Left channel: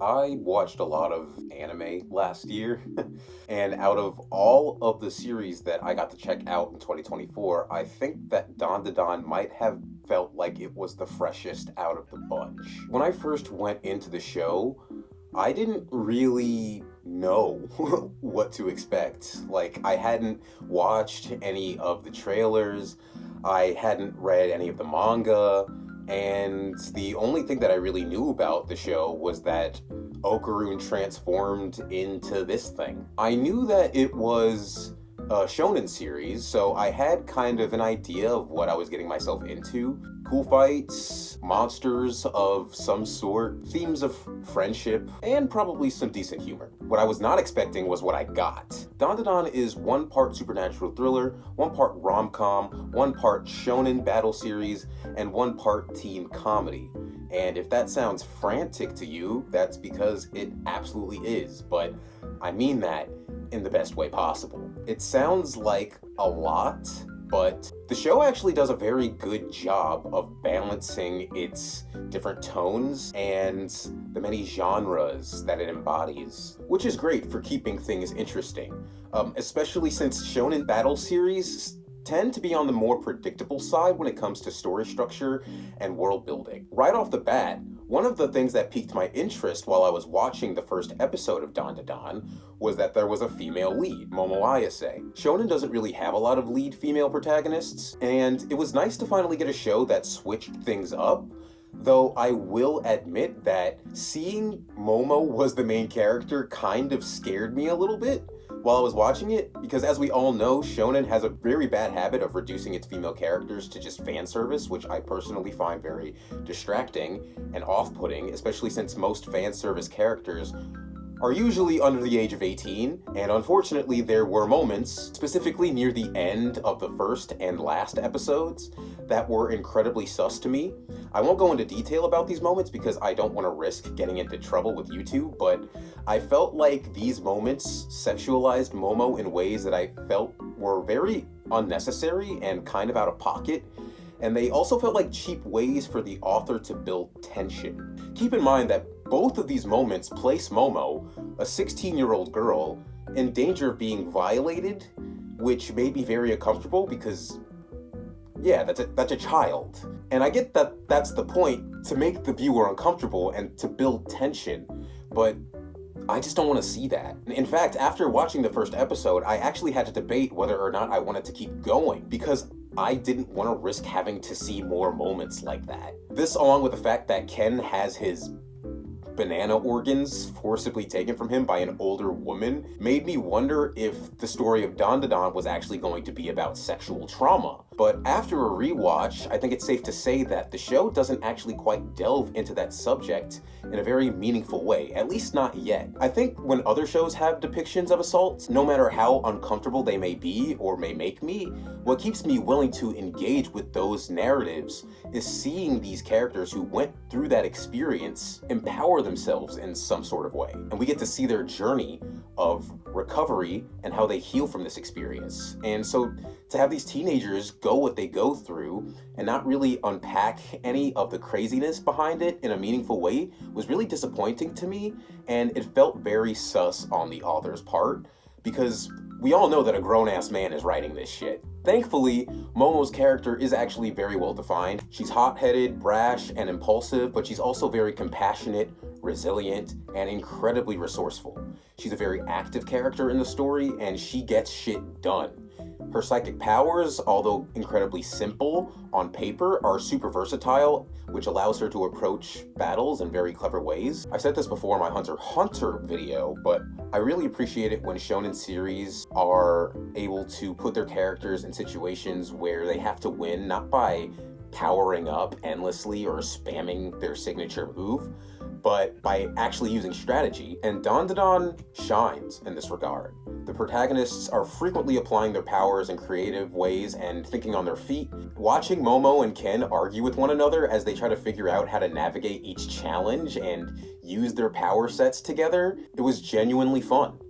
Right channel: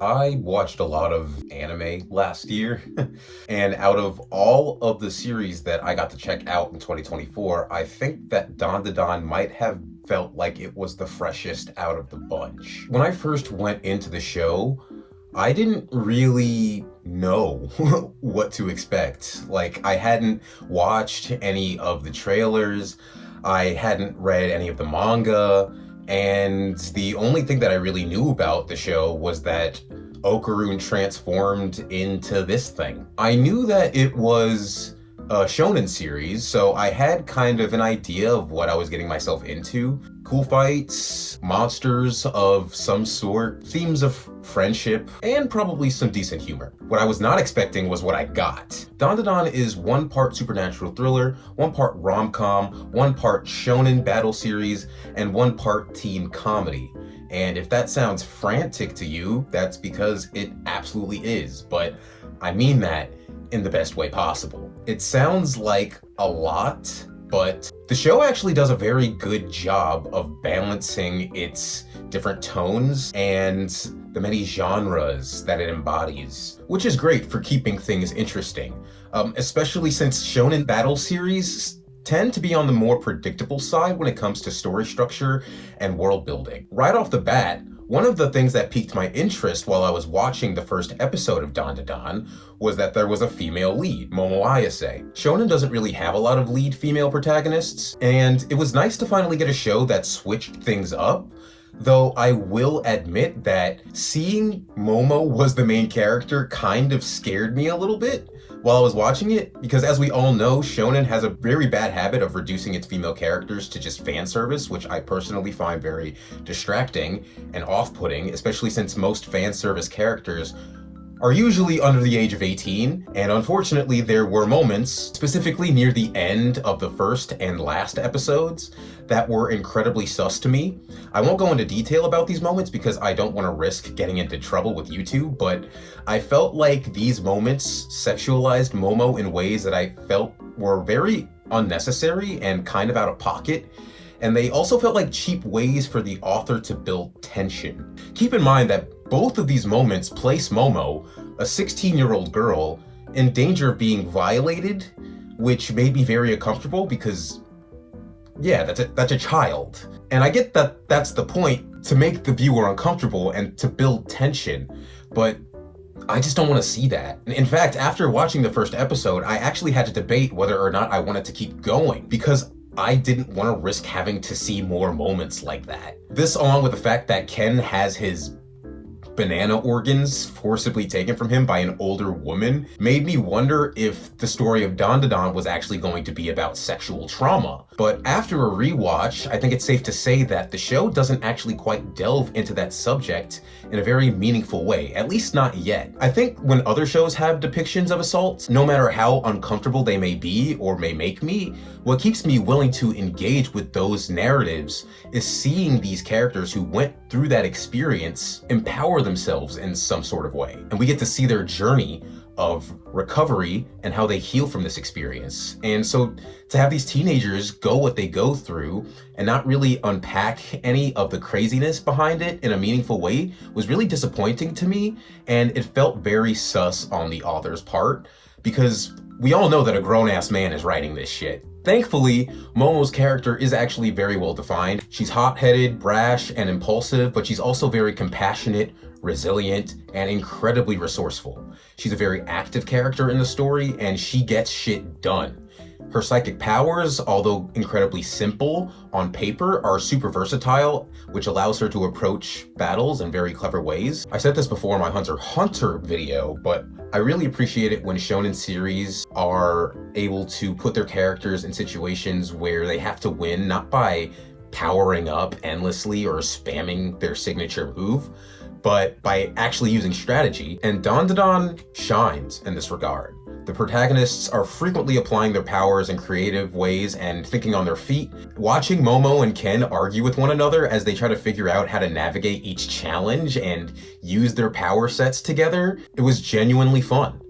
I watched a lot of anime last year, and out of all of the series that I got to check out in 2024, I think that DanDaDan might have felt like it was the freshest out of the bunch. When I first went into the show, I didn't really know what to expect. Like, I hadn't watched any of the trailers, I hadn't read any of the manga, and the only thing that I really knew about the show was that Okaroon transformed into this thing. I knew that it was a shonen series, so I had kind of an idea of what I was getting myself into. Cool fights, monsters of some sort, themes of friendship, and probably some decent humor. What I was not expecting was what I got. DanDaDan is one part supernatural thriller, one part rom-com, one part shonen battle series, and one part teen comedy. And if that sounds frantic to you, that's because it absolutely is, but I mean that in the best way possible. It sounds like a lot, but the show actually does a very good job of balancing its different tones and the many genres that it embodies, which is great for keeping things interesting, especially since shonen battle series tend to be on the more predictable side when it comes to story structure and world building. Right off the bat, one of the things that piqued my interest while I was watching the first episode of DanDaDan was that there was a female lead, Momo Ayase. Shonen doesn't really have a lot of lead female protagonists, and it was nice to finally get a show that switched things up. Though I will admit that seeing Momo was the main character kind of scared me a little bit while I was watching it, because as we all know, shonen has a very bad habit of reducing its female characters to just fan service, which I personally find very distracting and off-putting, especially since most fan service characters are usually under the age of 18, and unfortunately there were moments, specifically near the end of the first and last episodes, that were incredibly sus to me. I won't go into detail about these moments because I don't want to risk getting into trouble with YouTube, but I felt like these moments sexualized Momo in ways that I felt were very unnecessary and kind of out of pocket. And they also felt like cheap ways for the author to build tension. Keep in mind that both of these moments place Momo, a 16-year-old girl, in danger of being violated, which made me very uncomfortable because, yeah, that's a child. And I get that that's the point, to make the viewer uncomfortable and to build tension, but I just don't want to see that. In fact, after watching the first episode, I actually had to debate whether or not I wanted to keep going, because I didn't want to risk having to see more moments like that. This, along with the fact that Ken has his banana organs forcibly taken from him by an older woman, made me wonder if the story of DanDaDan was actually going to be about sexual trauma. But after a rewatch, I think it's safe to say that the show doesn't actually quite delve into that subject in a very meaningful way, at least not yet. I think when other shows have depictions of assault, no matter how uncomfortable they may be or may make me, what keeps me willing to engage with those narratives is seeing these characters who went through that experience empower themselves in some sort of way. And we get to see their journey of recovery and how they heal from this experience. And so to have these teenagers go what they go through and not really unpack any of the craziness behind it in a meaningful way was really disappointing to me, and it felt very sus on the author's part, because we all know that a grown-ass man is writing this shit. Thankfully, Momo's character is actually very well defined. She's hot-headed, brash, and impulsive, but she's also very compassionate, resilient, and incredibly resourceful. She's a very active character in the story, and she gets shit done. Her psychic powers, although incredibly simple on paper, are super versatile, which allows her to approach battles in very clever ways. I said this before in my Hunter x Hunter video, but I really appreciate it when shonen series are able to put their characters in situations where they have to win, not by powering up endlessly or spamming their signature move, but by actually using strategy, and DanDaDan shines in this regard. The protagonists are frequently applying their powers in creative ways and thinking on their feet. Watching Momo and Ken argue with one another as they try to figure out how to navigate each challenge and use their power sets together, it was genuinely fun.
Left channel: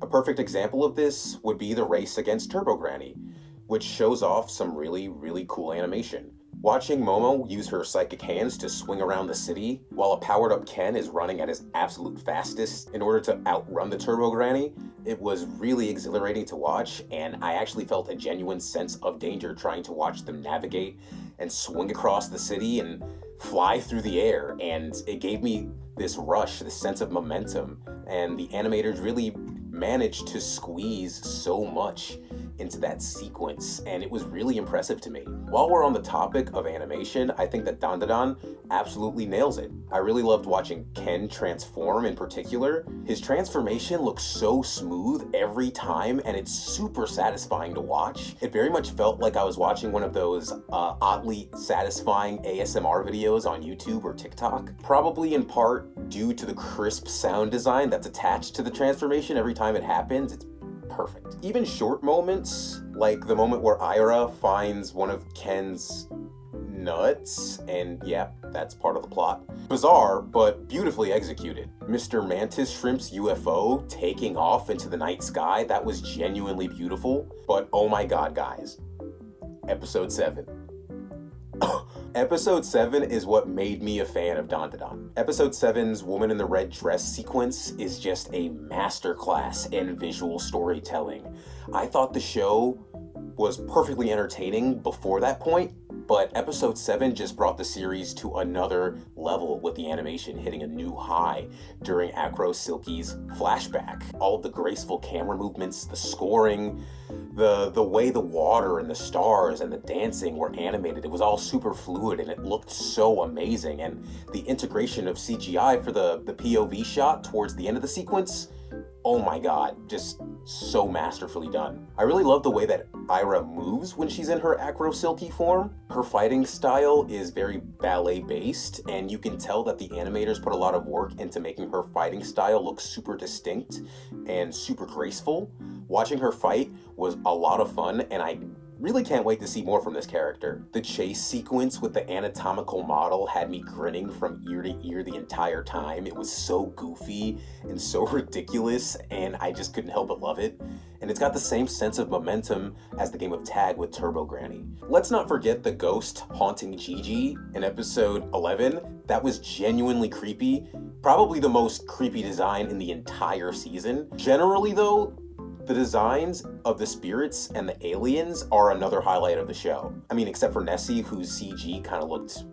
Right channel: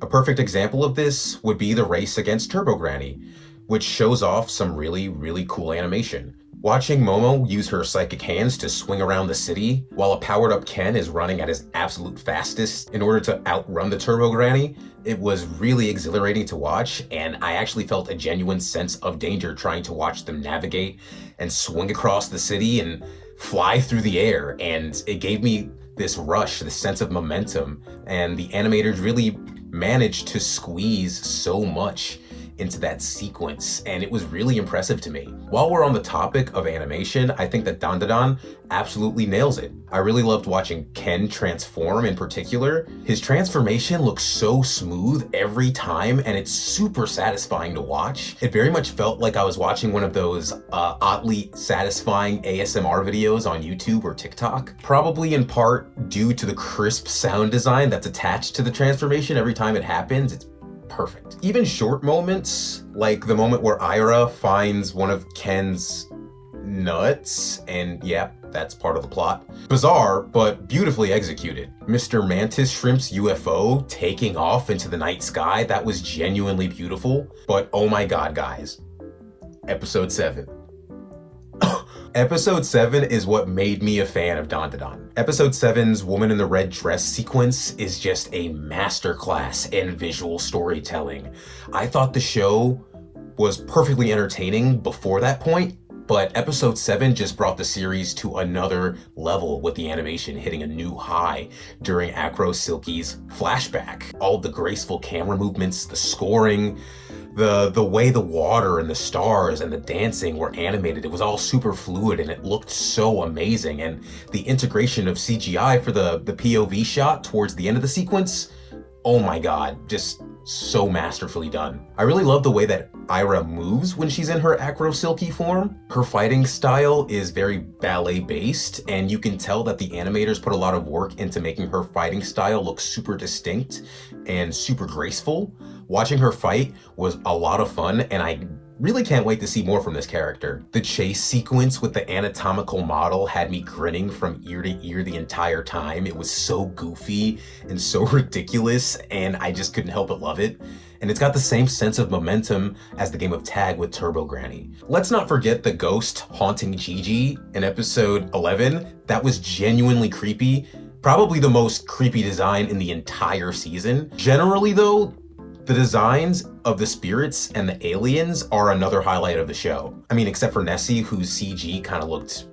A perfect example of this would be the race against Turbo Granny, which shows off some really, really cool animation. Watching Momo use her psychic hands to swing around the city while a powered up Ken is running at his absolute fastest in order to outrun the Turbo Granny, it was really exhilarating to watch, and I actually felt a genuine sense of danger trying to watch them navigate and swing across the city and fly through the air, and it gave me this rush, this sense of momentum, and the animators really managed to squeeze so much into that sequence, and it was really impressive to me. While we're on the topic of animation, I think that DanDaDan absolutely nails it. I really loved watching Ken transform in particular. His transformation looks so smooth every time, and it's super satisfying to watch. It very much felt like I was watching one of those oddly satisfying ASMR videos on YouTube or TikTok, probably in part due to the crisp sound design that's attached to the transformation every time it happens. It's perfect. Even short moments, like the moment where Ira finds one of Ken's nuts, and yeah, that's part of the plot. Bizarre, but beautifully executed. Mr. Mantis Shrimp's UFO taking off into the night sky, that was genuinely beautiful. But oh my god, guys. Episode 7. Episode 7 is what made me a fan of DanDaDan. Episode 7's Woman in the Red Dress sequence is just a masterclass in visual storytelling. I thought the show was perfectly entertaining before that point, but episode 7 just brought the series to another level with the animation hitting a new high during Acro Silky's flashback. All of the graceful camera movements, the scoring, the way the water and the stars and the dancing were animated, it was all super fluid and it looked so amazing. And the integration of CGI for the POV shot towards the end of the sequence, oh my god, just so masterfully done. I really love the way that Ira moves when she's in her Acro Silky form. Her fighting style is very ballet based, and you can tell that the animators put a lot of work into making her fighting style look super distinct and super graceful. Watching her fight was a lot of fun, and I really can't wait to see more from this character. The chase sequence with the anatomical model had me grinning from ear to ear the entire time. It was so goofy and so ridiculous, and I just couldn't help but love it. And it's got the same sense of momentum as the game of tag with Turbo Granny. Let's not forget the ghost haunting Gigi in episode 11. That was genuinely creepy. Probably the most creepy design in the entire season. Generally though, the designs of the spirits and the aliens are another highlight of the show. I mean, except for Nessie, whose CG kind of looked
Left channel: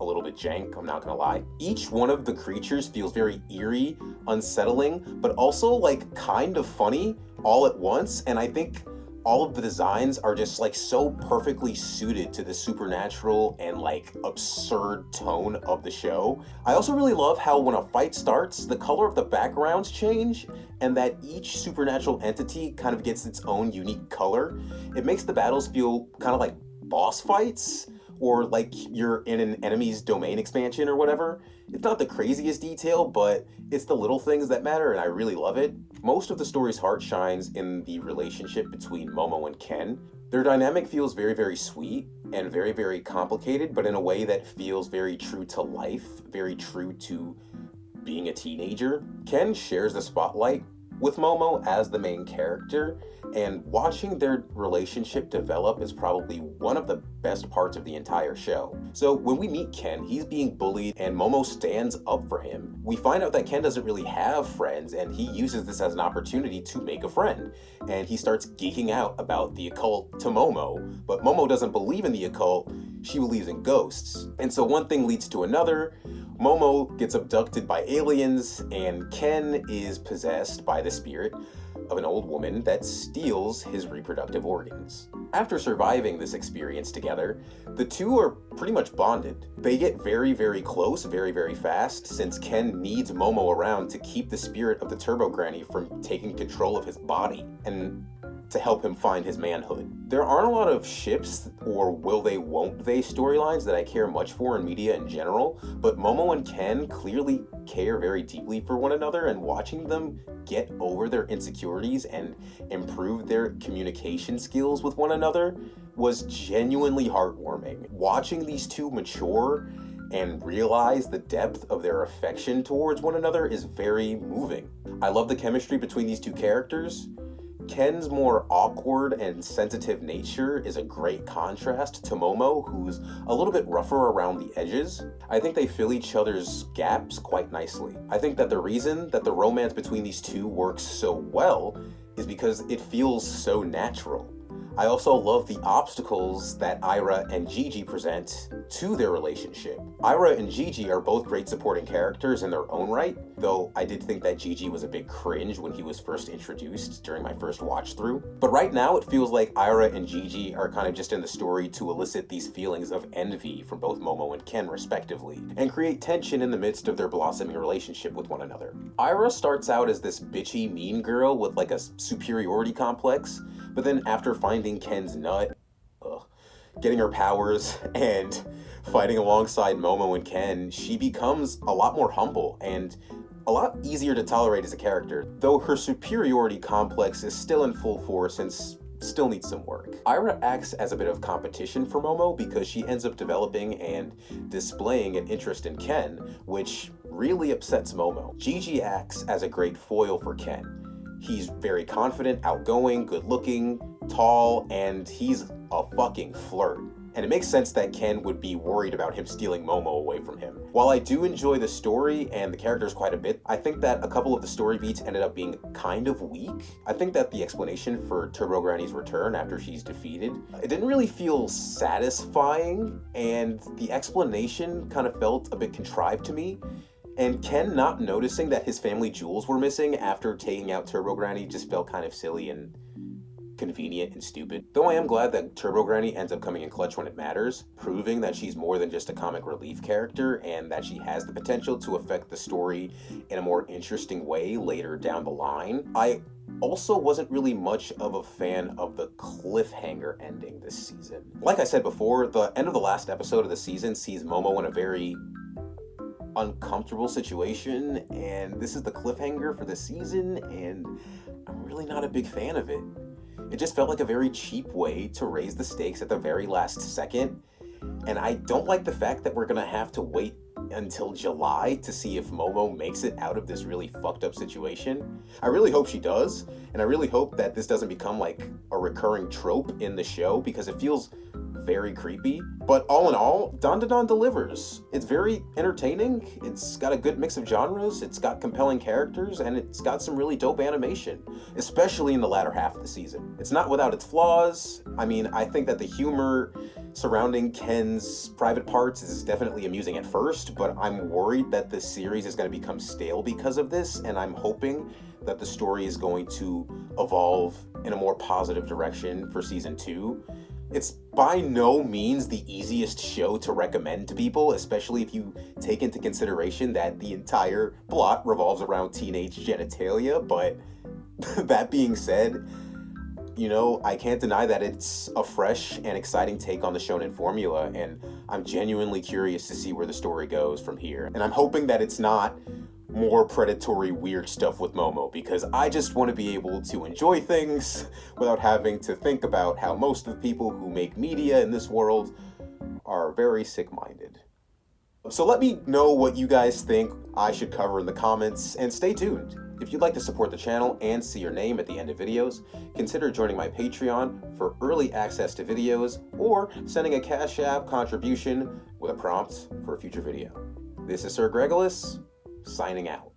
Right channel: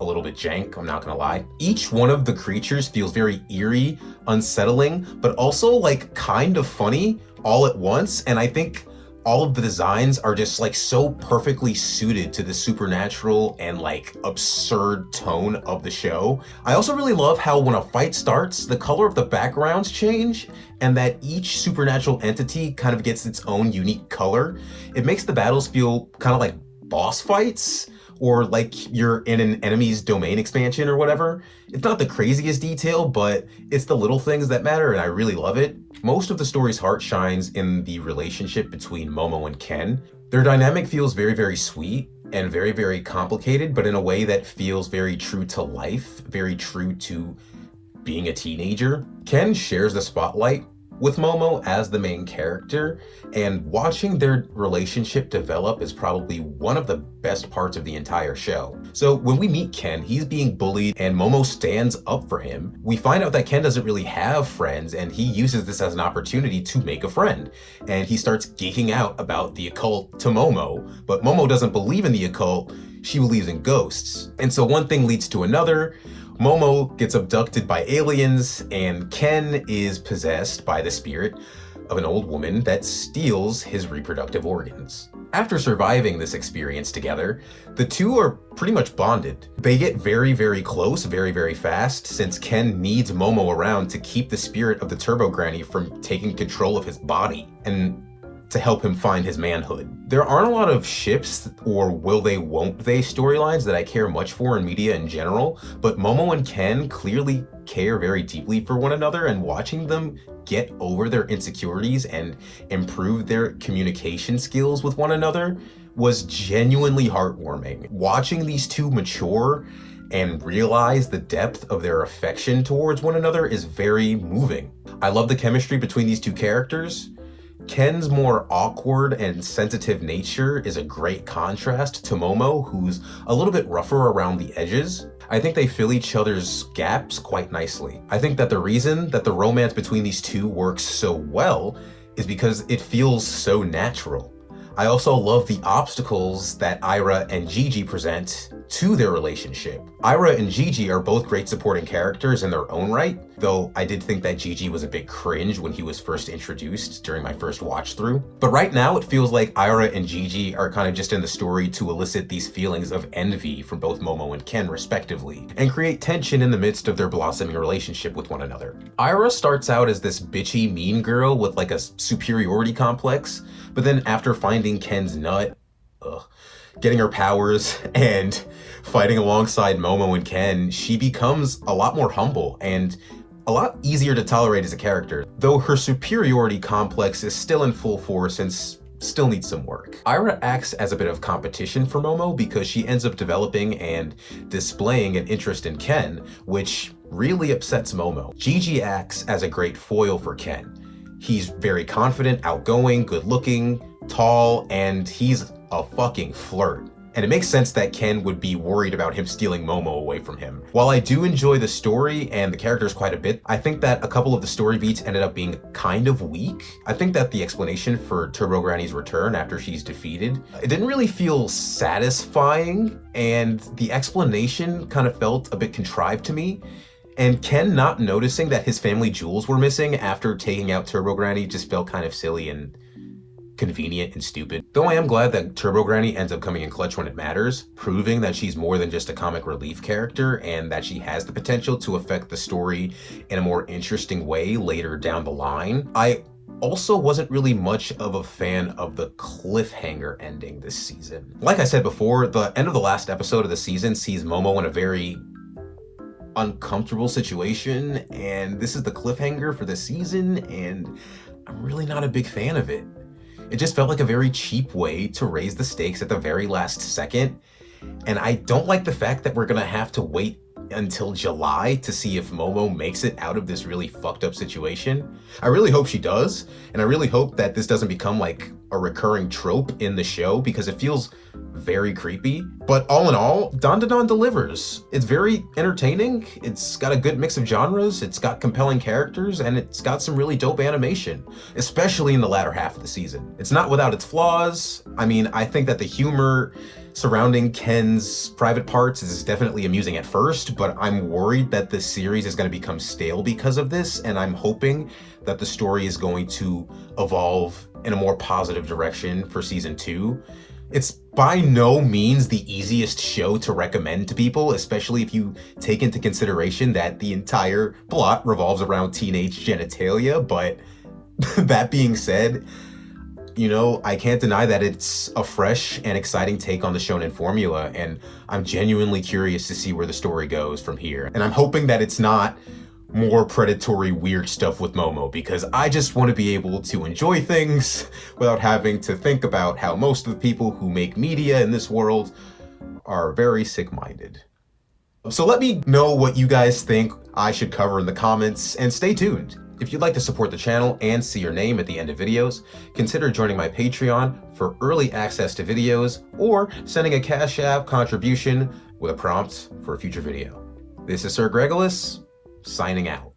a little bit jank, I'm not gonna lie. Each one of the creatures feels very eerie, unsettling, but also like kind of funny all at once. And I think all of the designs are just like so perfectly suited to the supernatural and like absurd tone of the show. I also really love how when a fight starts, the color of the backgrounds change and that each supernatural entity kind of gets its own unique color. It makes the battles feel kind of like boss fights, or like you're in an enemy's domain expansion or whatever. It's not the craziest detail, but it's the little things that matter, and I really love it. Most of the story's heart shines in the relationship between Momo and Ken. Their dynamic feels very, very sweet and very, very complicated, but in a way that feels very true to life, very true to being a teenager. Ken shares the spotlight with Momo as the main character, and watching their relationship develop is probably one of the best parts of the entire show. So when we meet Ken, he's being bullied and Momo stands up for him. We find out that Ken doesn't really have friends, and he uses this as an opportunity to make a friend. And he starts geeking out about the occult to Momo, but Momo doesn't believe in the occult, she believes in ghosts. And so one thing leads to another. Momo gets abducted by aliens, and Ken is possessed by the spirit of an old woman that steals his reproductive organs. After surviving this experience together, the two are pretty much bonded. They get very, very close very, very fast, since Ken needs Momo around to keep the spirit of the Turbo Granny from taking control of his body and to help him find his manhood. There aren't a lot of ships or will they won't they storylines that I care much for in media in general, but Momo and Ken clearly care very deeply for one another, and watching them get over their insecurities and improve their communication skills with one another was genuinely heartwarming. Watching these two mature and realize the depth of their affection towards one another is very moving. I love the chemistry between these two characters. Ken's more awkward and sensitive nature is a great contrast to Momo, who's a little bit rougher around the edges. I think they fill each other's gaps quite nicely. I think that the reason that the romance between these two works so well is because it feels so natural. I also love the obstacles that Ira and Gigi present to their relationship. Ira and Gigi are both great supporting characters in their own right, though I did think that Gigi was a bit cringe when he was first introduced during my first watch through. But right now it feels like Ira and Gigi are kind of just in the story to elicit these feelings of envy from both Momo and Ken respectively, and create tension in the midst of their blossoming relationship with one another. Ira starts out as this bitchy mean girl with like a superiority complex, but then after finding Ken's nut, getting her powers, and fighting alongside Momo and Ken, she becomes a lot more humble and a lot easier to tolerate as a character, though her superiority complex is still in full force and still needs some work. Ira acts as a bit of competition for Momo because she ends up developing and displaying an interest in Ken, which really upsets Momo. Gigi acts as a great foil for Ken. He's very confident, outgoing, good-looking, tall, and he's a fucking flirt. And it makes sense that Ken would be worried about him stealing Momo away from him. While I do enjoy the story and the characters quite a bit, I think that a couple of the story beats ended up being kind of weak. I think that the explanation for Turbo Granny's return after she's defeated, it didn't really feel satisfying, and the explanation kind of felt a bit contrived to me. And Ken not noticing that his family jewels were missing after taking out Turbo Granny just felt kind of silly and convenient and stupid. Though I am glad that Turbo Granny ends up coming in clutch when it matters, proving that she's more than just a comic relief character and that she has the potential to affect the story in a more interesting way later down the line. I also wasn't really much of a fan of the cliffhanger ending this season. Like I said before, the end of the last episode of the season sees Momo in a very uncomfortable situation, and this is the cliffhanger for the season, and I'm really not a big fan of it. It just felt like a very cheap way to raise the stakes at the very last second, and I don't like the fact that we're gonna have to wait until July to see if Momo makes it out of this really fucked up situation. I really hope she does, and I really hope that this doesn't become like a recurring trope in the show because it feels very creepy. But all in all, DanDaDan delivers. It's very entertaining, it's got a good mix of genres, it's got compelling characters, and it's got some really dope animation, especially in the latter half of the season. It's not without its flaws. I mean, I think that the humor surrounding Ken's private parts is definitely amusing at first, but I'm worried that this series is going to become stale because of this, and I'm hoping that the story is going to evolve in a more positive direction for season 2. It's by no means the easiest show to recommend to people, especially if you take into consideration that the entire plot revolves around teenage genitalia, but that being said, you know, I can't deny that it's a fresh and exciting take on the shonen formula, and I'm genuinely curious to see where the story goes from here. And I'm hoping that it's not more predatory weird stuff with Momo, because I just want to be able to enjoy things without having to think about how most of the people who make media in this world are very sick-minded. So let me know what you guys think I should cover in the comments, and stay tuned. If you'd like to support the channel and see your name at the end of videos, consider joining my Patreon for early access to videos, or sending a Cashapp contribution with a prompt for a future video. This is Sir Gregolis, signing out.